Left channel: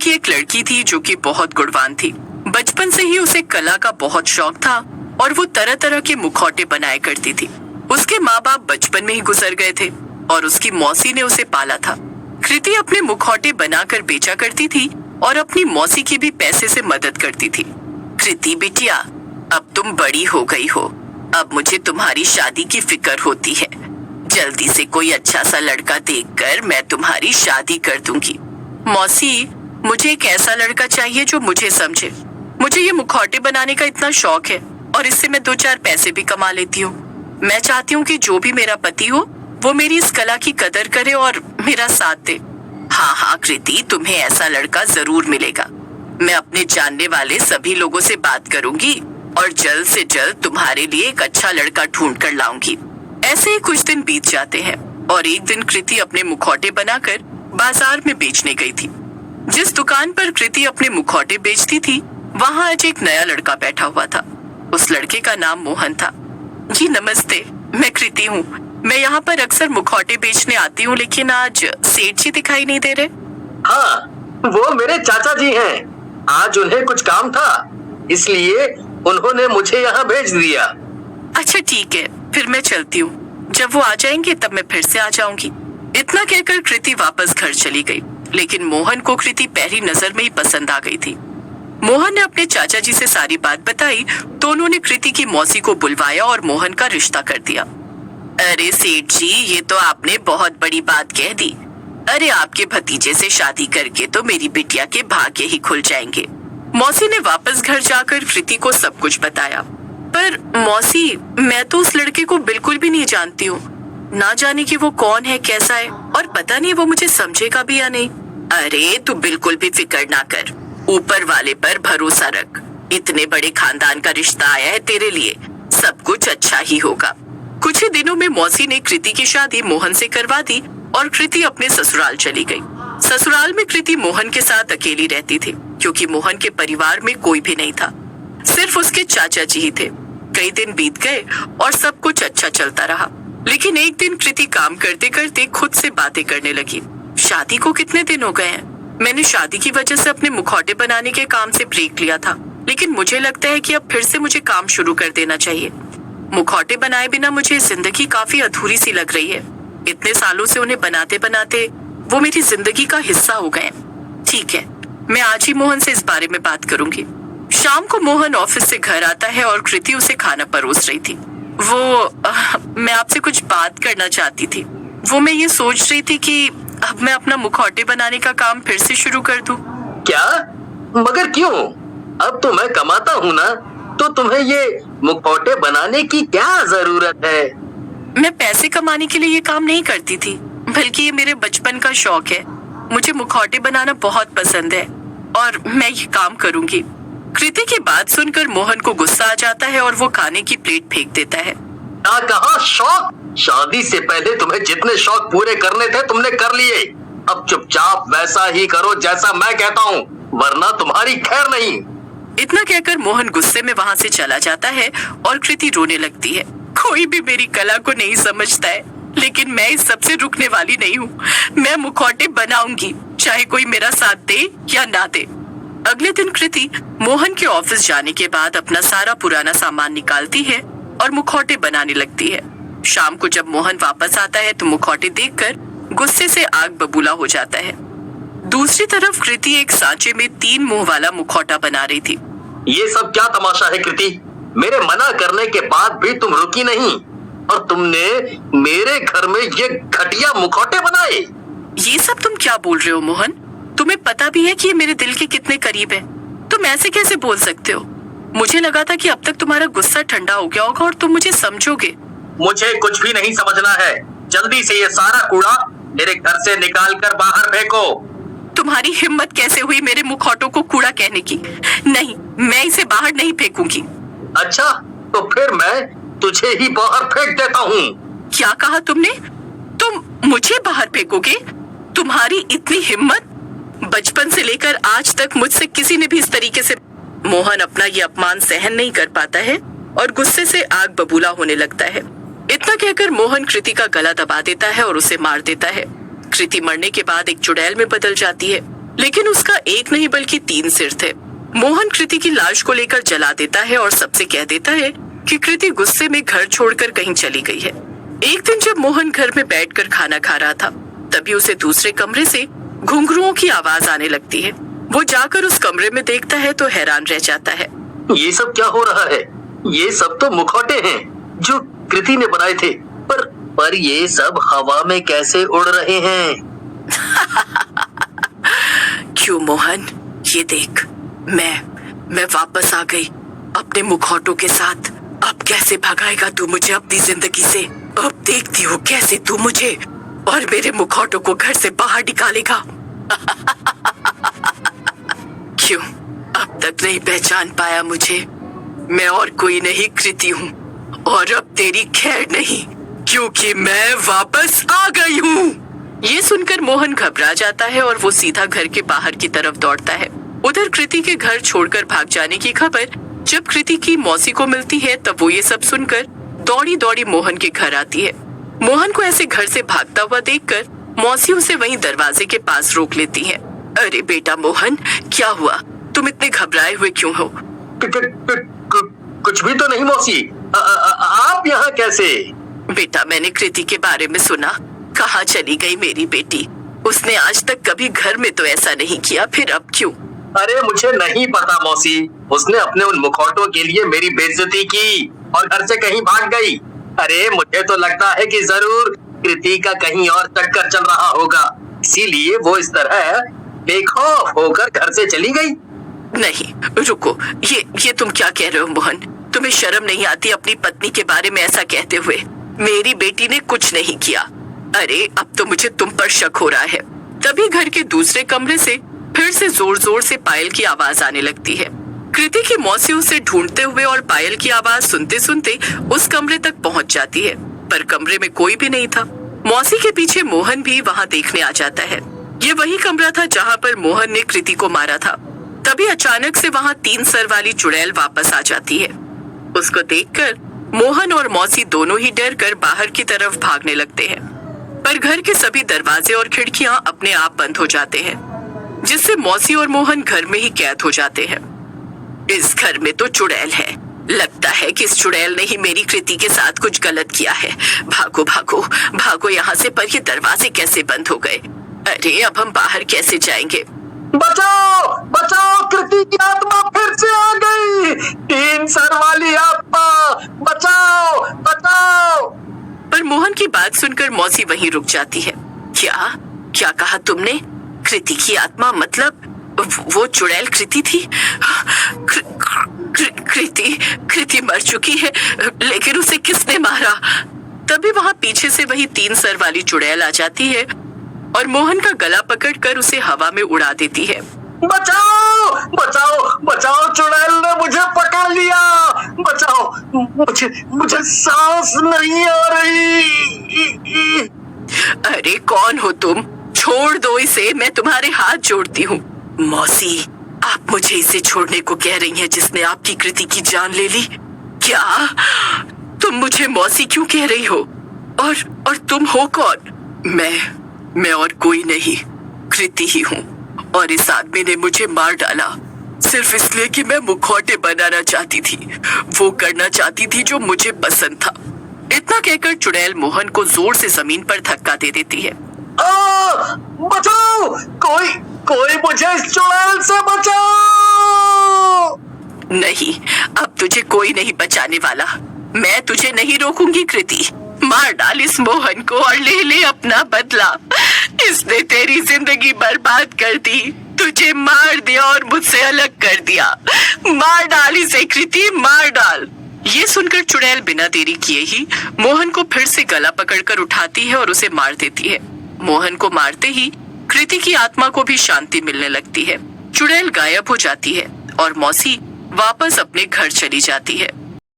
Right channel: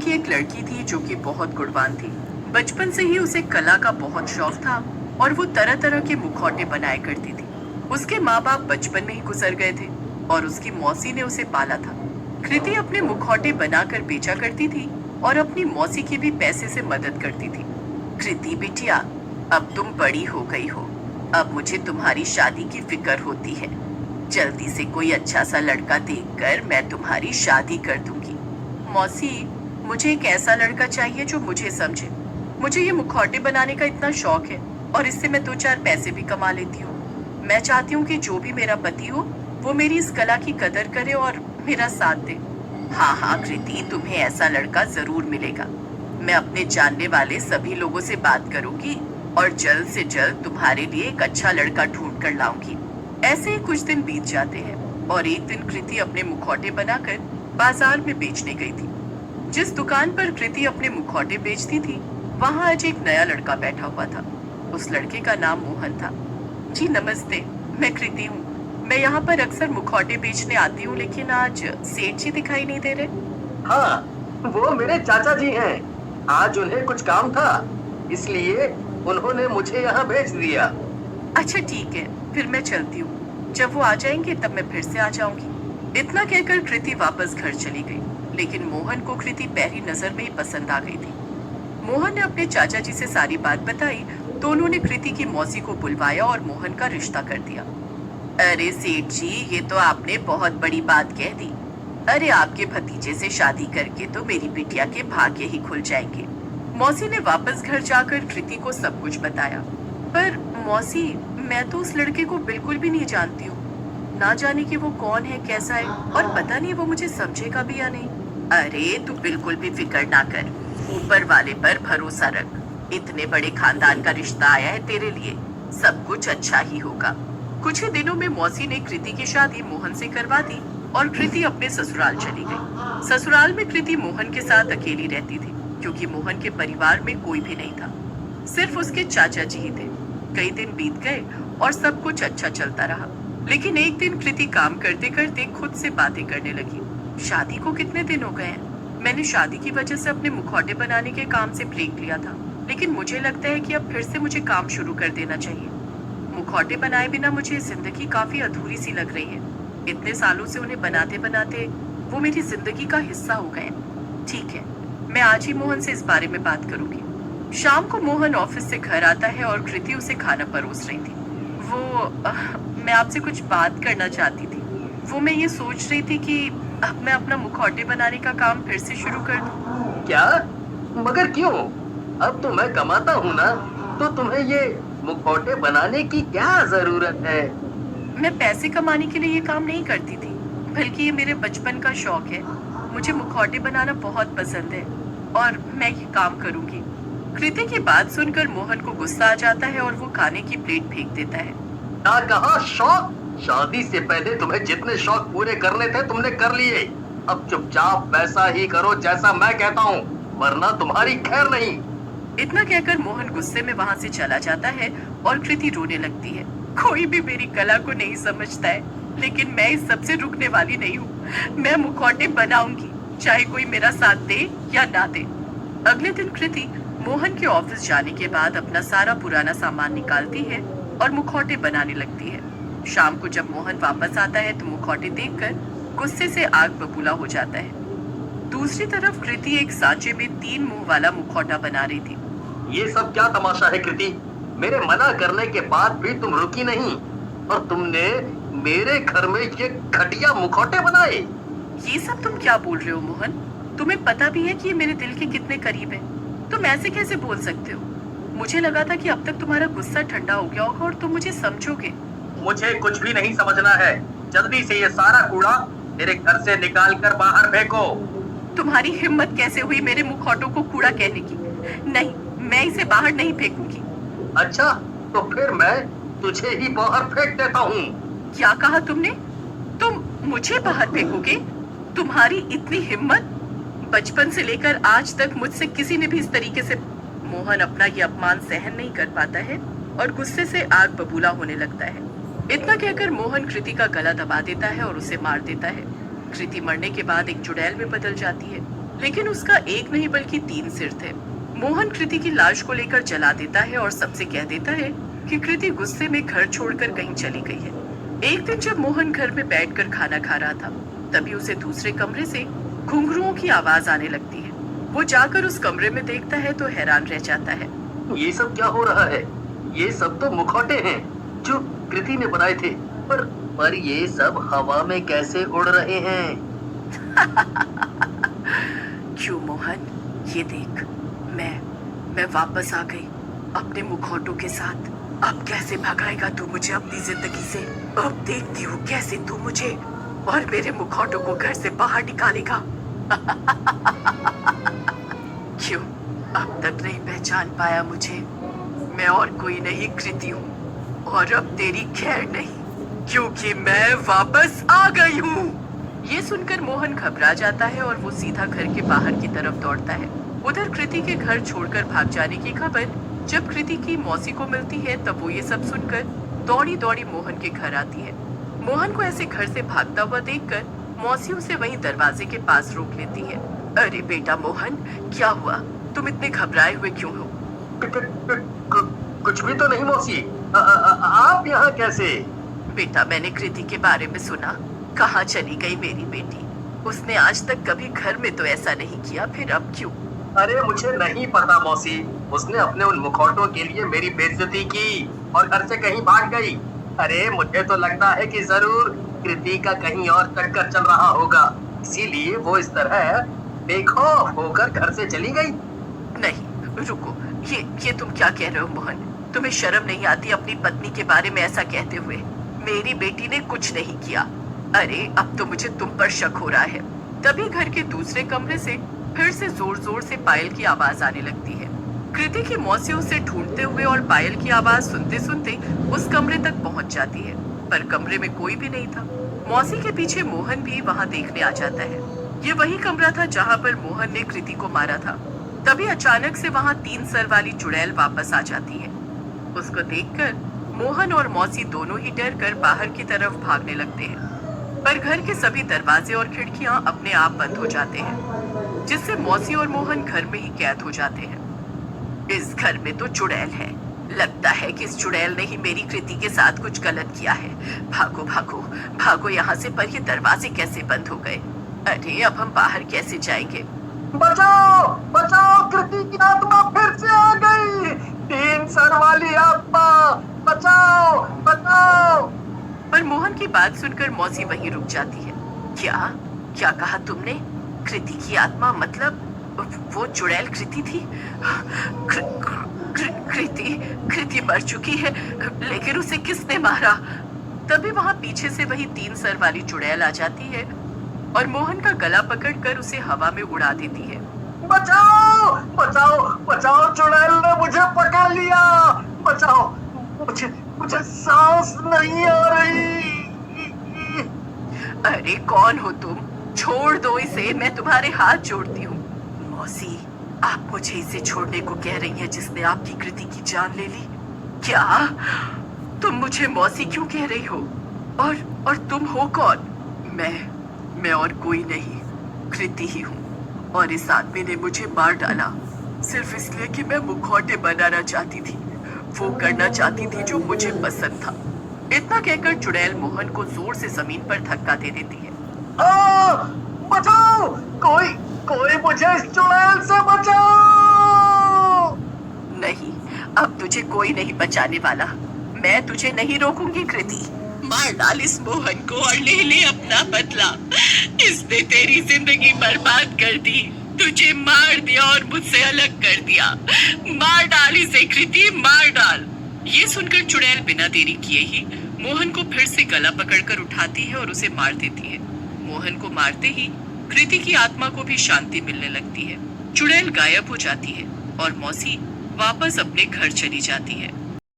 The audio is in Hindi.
की एक लड़की थी जो कि बहुत गुणवान थी। बचपन से ही उसे कला का बहुत शौक था और वो तरह तरह के मुखौटे बनाया करती थी। उसके माँ बाप बचपन में ही गुजर गए थे और उसकी मौसी ने उसे पाला था। कृति अपने मुखौटे बनाकर बेचा करती थी और अपनी मौसी की भी पैसे से मदद करती थी। कृति बिटिया, अब तुम बड़ी हो गई हो, अब मुझे तुम्हारी शादी की फिक्र होती है। जल्दी से कोई अच्छा सा लड़का देखकर मैं तुम्हारी शादी कर दूंगी। मौसी, मुझे एक ऐसा लड़का चाहिए जो मुझे समझे। मुझे ये मुखौटे बनाने का इतना शौक है और इससे मैं 2-4 पैसे भी कमा लेती हूँ। मैं चाहती हूँ कि जो भी मेरा पति हो वो मेरी इस कला की कदर करे और मेरा साथ दे। हाँ हाँ कृति, तुम्हें ऐसा लड़का जरूर मिलेगा। मैं अपने जानने वाले सभी लोगों से बात करूंगी और जल्द से जल्द तुम्हारे लिए एक अच्छा लड़का ढूंढ कर लाऊंगी। ऐसे ही कुछ दिन बीत जाते हैं और एक दिन कृति अपने मुखौटे बनाकर बाजार में बेचने गई थी। जिस दुकान पर कृति अपने मुखौटे बेचती थी वहाँ आज एक नया लड़का बैठा हुआ था। उस लड़के का नाम मोहन था। जी नमस्ते, मैं कृति हूँ। मैं यहाँ पर अक्सर मुखौटे बेचने आती हूँ, लेकिन आज सेठ जी दिखाई नहीं दे रहे। हाँ, वो मेरे चाचा जी हैं। आज उन्हें कुछ काम था, इसलिए उन्होंने मुझे यहाँ भेज दिया। अच्छा ठीक है, फिर मैं चलती हूँ। जब वो आ जाएंगे तब मैं फिर से आ जाऊंगी। इतना कहकर कृति वापस घर चली गई, लेकिन मोहन को कृति पहली नजर में ही पसंद आ गई थी। मोहन ने अपने चाचा जी से सारी बात बताई तो उन्होंने कृति की मौसी को बुलवाया और मोहन का रिश्ता कर दिया। अरे सेठ जी, ये तो आपने बहुत बड़ी बात कह दी। अरे आपके भतीजे से शादी करके तो मेरी बिटिया के भाग्य ही खुल जाएंगे। मौसी ने वापस घर जाकर कृति को सब कुछ बताया। पर मौसी, मैं तो उस लड़के को बिल्कुल भी नहीं जानती हूँ। ना जाने कि वो कौन है, कैसा है, और पता नहीं वो मुझे समझेगा भी या नहीं। अरे तू बिल्कुल भी फिक्र ना कर, ऊपर वाले पर भरोसा रख। इतने बड़े खानदान का रिश्ता आया है तेरे लिए, सब कुछ अच्छा ही होगा। कुछ ही दिनों में मौसी ने कृति की शादी मोहन से करवा दी और कृति अपने ससुराल चली गई। ससुराल में कृति मोहन के साथ अकेली रहती थी, क्योंकि मोहन के परिवार में कोई भी नहीं था, सिर्फ उसके चाचा जी ही थे। कई दिन बीत गए और सब कुछ अच्छा चलता रहा, लेकिन एक दिन कृति काम करते करते खुद से बातें करने लगी। शादी को कितने दिन हो गए हैं? मैंने शादी की वजह से अपने मुखौटे बनाने के काम से ब्रेक लिया था, लेकिन मुझे लगता है कि अब फिर से मुझे काम शुरू कर देना चाहिए। मुखौटे बनाए बिना मुझे जिंदगी काफी अधूरी सी लग रही है। इतने सालों से उन्हें बनाते बनाते वो मेरी जिंदगी का हिस्सा हो गए। ठीक है, मैं आज ही मोहन से इस बारे में बात करूंगी। शाम को मोहन ऑफिस से घर आता है और कृति उसे खाना परोस रही थी। मैं आपसे कुछ बात करना चाहती थी। मैं ये सोच रही थी कि अब मैं अपना मुखौटे बनाने का काम फिर से शुरू कर दूं। क्या? मगर क्यों? अब तो मैं कमाता हूँ ना, तो तुम्हें ये मुखौटे बनाने की क्या जरूरत है? मैं पैसे कमाने के लिए ये काम नहीं करती थी, बल्कि ये मेरे बचपन का शौक है। मुझे मुखौटे बनाना बहुत पसंद है और मैं ये काम करूंगी। कृति की बात सुनकर मोहन को गुस्सा आ जाता है और वो खाने की प्लेट फेंक देता है। कहा शौक? शादी से पहले तुम्हें जितने शौक पूरे करने थे तुमने कर लिए। अब चुपचाप वैसा ही करो जैसा मैं कहता हूँ, वरना तुम्हारी खैर नहीं। इतना कहकर मोहन गुस्से में वहाँ से चला जाता है और कृति रोने लगती है। कोई भी मेरी कला को नहीं समझता है, लेकिन मैं इस सबसे रुकने वाली नहीं हूँ। मैं मुखौटे बनाऊंगी, चाहे कोई मेरा साथ दे या ना दे। अगले दिन कृति मोहन के ऑफिस जाने के बाद अपना सारा पुराना सामान निकालती है और मुखौटे बनाने लगती है। शाम को जब मोहन वापस आता है तो मुखौटे देखकर गुस्से से आग बबूला हो जाता है। दूसरी तरफ कृति एक सांचे में 3 मुंह वाला मुखौटा बना रही थी। ये सब क्या तमाशा है कृति? मेरे मना करने के बाद भी तुम रुकी नहीं और तुमने मेरे घर में ये घटिया मुखौटे बनाए। ये सब तुम क्या बोल रहे हो मोहन? तुम्हें पता भी है कि ये मेरे दिल के कितने करीब है। तुम ऐसे कैसे बोल सकते हो? मुझे लगा था कि अब तक तुम्हारा गुस्सा ठंडा हो गया होगा और तुम मुझे समझोगे। मुझे कुछ भी नहीं समझना है। जल्दी से ये सारा कूड़ा मेरे घर से निकाल कर बाहर फेंको। तुम्हारी हिम्मत कैसे हुई मेरे मुखौटों को कूड़ा कहने की? नहीं, मैं इसे बाहर नहीं फेंकूंगी। अच्छा, तो फिर मैं तुझे ही बाहर फेंक देता हूँ। क्या कहा तुमने? तुम मुझे बाहर फेंकोगे? तुम्हारी इतनी हिम्मत? बचपन से लेकर आज तक मुझसे किसी ने भी इस तरीके से। मोहन अपना ये अपमान सहन नहीं कर पाता है और गुस्से से आग बबूला होने लगता है। इतना कहकर मोहन कृति का गला दबा देता है और उसे मार देता है। कृति मरने के बाद एक चुड़ैल में बदल जाती है लेकिन उसका एक नहीं बल्कि 3 सिर थे। मोहन कृति की लाश को लेकर जला देता है और सबसे कह देता है कि कृति गुस्से में घर छोड़कर कहीं चली गई है। एक दिन जब मोहन घर में बैठकर खाना खा रहा था, तभी उसे दूसरे कमरे से घुंघरुओं की आवाज आने लगती है। वो जाकर उस कमरे में देखता है तो हैरान रह जाता है। ये सब क्या हो रहा है? ये सब तो मुखौटे हैं जो कृति ने बनाए थे, पर ये सब हवा में कैसे उड़ रहे हैं? क्यों मोहन, ये देख, मैं वापस आ गई अपने मुखौटों के साथ। अब कैसे भगाएगा तू मुझे अपनी जिंदगी से? अब देखती हो कैसे तू मुझे और मेरे मुखौटों को घर से बाहर निकालेगा। क्यों अब तक नहीं पहचान पाया मुझे? मैं और कोई नहीं कृति हूँ, और अब तेरी खैर नहीं, क्योंकि मैं वापस आ गई हूँ। ये सुनकर मोहन घबरा जाता है और वो सीधा घर के बाहर की तरफ दौड़ता है। उधर कृति के घर छोड़कर भाग जाने की खबर जब कृति की मौसी को मिलती है, तब वो ये सब सुनकर दौड़ी दौड़ी मोहन के घर आती है। मोहन को ऐसे घर से भागता हुआ देखकर मौसी उसे वहीं दरवाजे के पास रोक लेती है। अरे बेटा मोहन, क्या हुआ? तुम इतने घबराए हुए क्यों हो? कुछ भी तो नहीं मौसी। आप यहाँ कैसे? बेटा, मैंने कृति के बारे में सुना। कहाँ चली गई मेरी बेटी? उसने आज तक कभी घर में तो ऐसा नहीं किया, फिर अब क्यों? अरे मुझे नहीं पता मौसी। उसने अपने उन मुखौटों के लिए मेरी बेइज्जती की और घर से कहीं भाग गई। अरे मुझे तो लगता है कि जरूर कृति का कहीं और चक्कर चल रहा होगा, इसीलिए वो इस तरह बेखौफ होकर घर से चली गई। नहीं, रुको, ये तुम क्या कह रहे हो मोहन? तुम्हें शर्म नहीं आती अपनी पत्नी के बारे में ऐसा कहते हुए? मेरी बेटी ने कुछ नहीं किया। अरे अब तो मुझे तुम पर शक हो रहा है। तभी घर के दूसरे कमरे से फिर से जोर जोर से पायल की आवाज आने लगती है। कृति की मौसी उसे ढूंढते हुए और पायल की आवाज सुनते सुनते उस कमरे तक पहुंच जाती है, पर कमरे में कोई भी नहीं था। मौसी के पीछे मोहन भी वहां देखने आ जाता है। ये वही कमरा था जहां पर मोहन ने कृति को मारा था। तभी अचानक से वहां 3 सर वाली चुड़ैल वापस आ जाती है। उसको देखकर मोहन और मौसी दोनों ही डर कर बाहर की तरफ भागने लगते हैं, पर घर के सभी दरवाजे और खिड़कियां अपने आप बंद हो जाते हैं, जिससे मौसी और मोहन घर में ही कैद हो जाते हैं। इस घर में तो चुड़ैल है। लगता है कि इस चुड़ैल ने ही मेरी कृति के साथ कुछ गलत किया है। भागो भागो भागो यहाँ से, पर ये दरवाजे कैसे बंद हो गए? अरे अब हम बाहर कैसे जाएंगे? बचाओ बचाओ, कृति की आत्मा फिर से आ गई। 3 सर वाली आत्मा, बचाओ बचाओ। पर मोहन की बात सुनकर मौसी वहीं रुक जाती है। क्या क्या कहा तुमने? कृति की आत्मा मतलब वो चुड़ैल कृति थी? कृति मर चुकी है, लेकिन उसे किसने मारा? तभी वहां पीछे से वही 3 सर वाली चुड़ैल आ जाती है और मोहन का गला पकड़कर उसे हवा में उड़ा देती है। बचाओ बचाओ बचाओ, चुड़ैल ने मुझे पकड़ लिया। बचाओ, मुझे सांस नहीं आ रही। अरे कौन हो तुम? छोड़ दो इसे, मैं तुम्हारे हाथ जोड़ती हूँ। मौसी, आप मुझे इसे छोड़ने को कह रही हैं जिसने आपकी कृति की जान ले ली? क्या तुम मुझे मौसी क्यों कह रही हो? और तुम हो कौन? मैं और कोई नहीं, कृति ही हूँ, और इस आदमी ने मुझे मार डाला सिर्फ इसलिए कि मैं मुखौटे बनाना चाहती थी, वो करना चाहती थी जो मुझे पसंद था। इतना कहकर चुड़ैल मोहन को जोर से जमीन पर धक्का दे देती है। बचाओ, कोई मुझे इस चुड़ैल से बचाओ। नहीं, अब तुझे कोई नहीं बचाने वाला। मैं तुझे नहीं रोकूंगी कृति। मार डाल इस मोहन को और ले ले अपना बदला। इसने तेरी जिंदगी बर्बाद कर दी, तुझे मार दिया और मुझसे अलग कर दिया। मार डाल इसे कृति, मार डाल। ये सुनकर चुड़ैल बिना देरी किए ही मोहन को फिर से गला पकड़कर उठाती है और उसे मार देती है। मोहन को मारते ही कृति की आत्मा को भी शांति मिलने लगती है। चुड़ैल गायब हो जाती है और मौसी वापस अपने घर चली जाती है।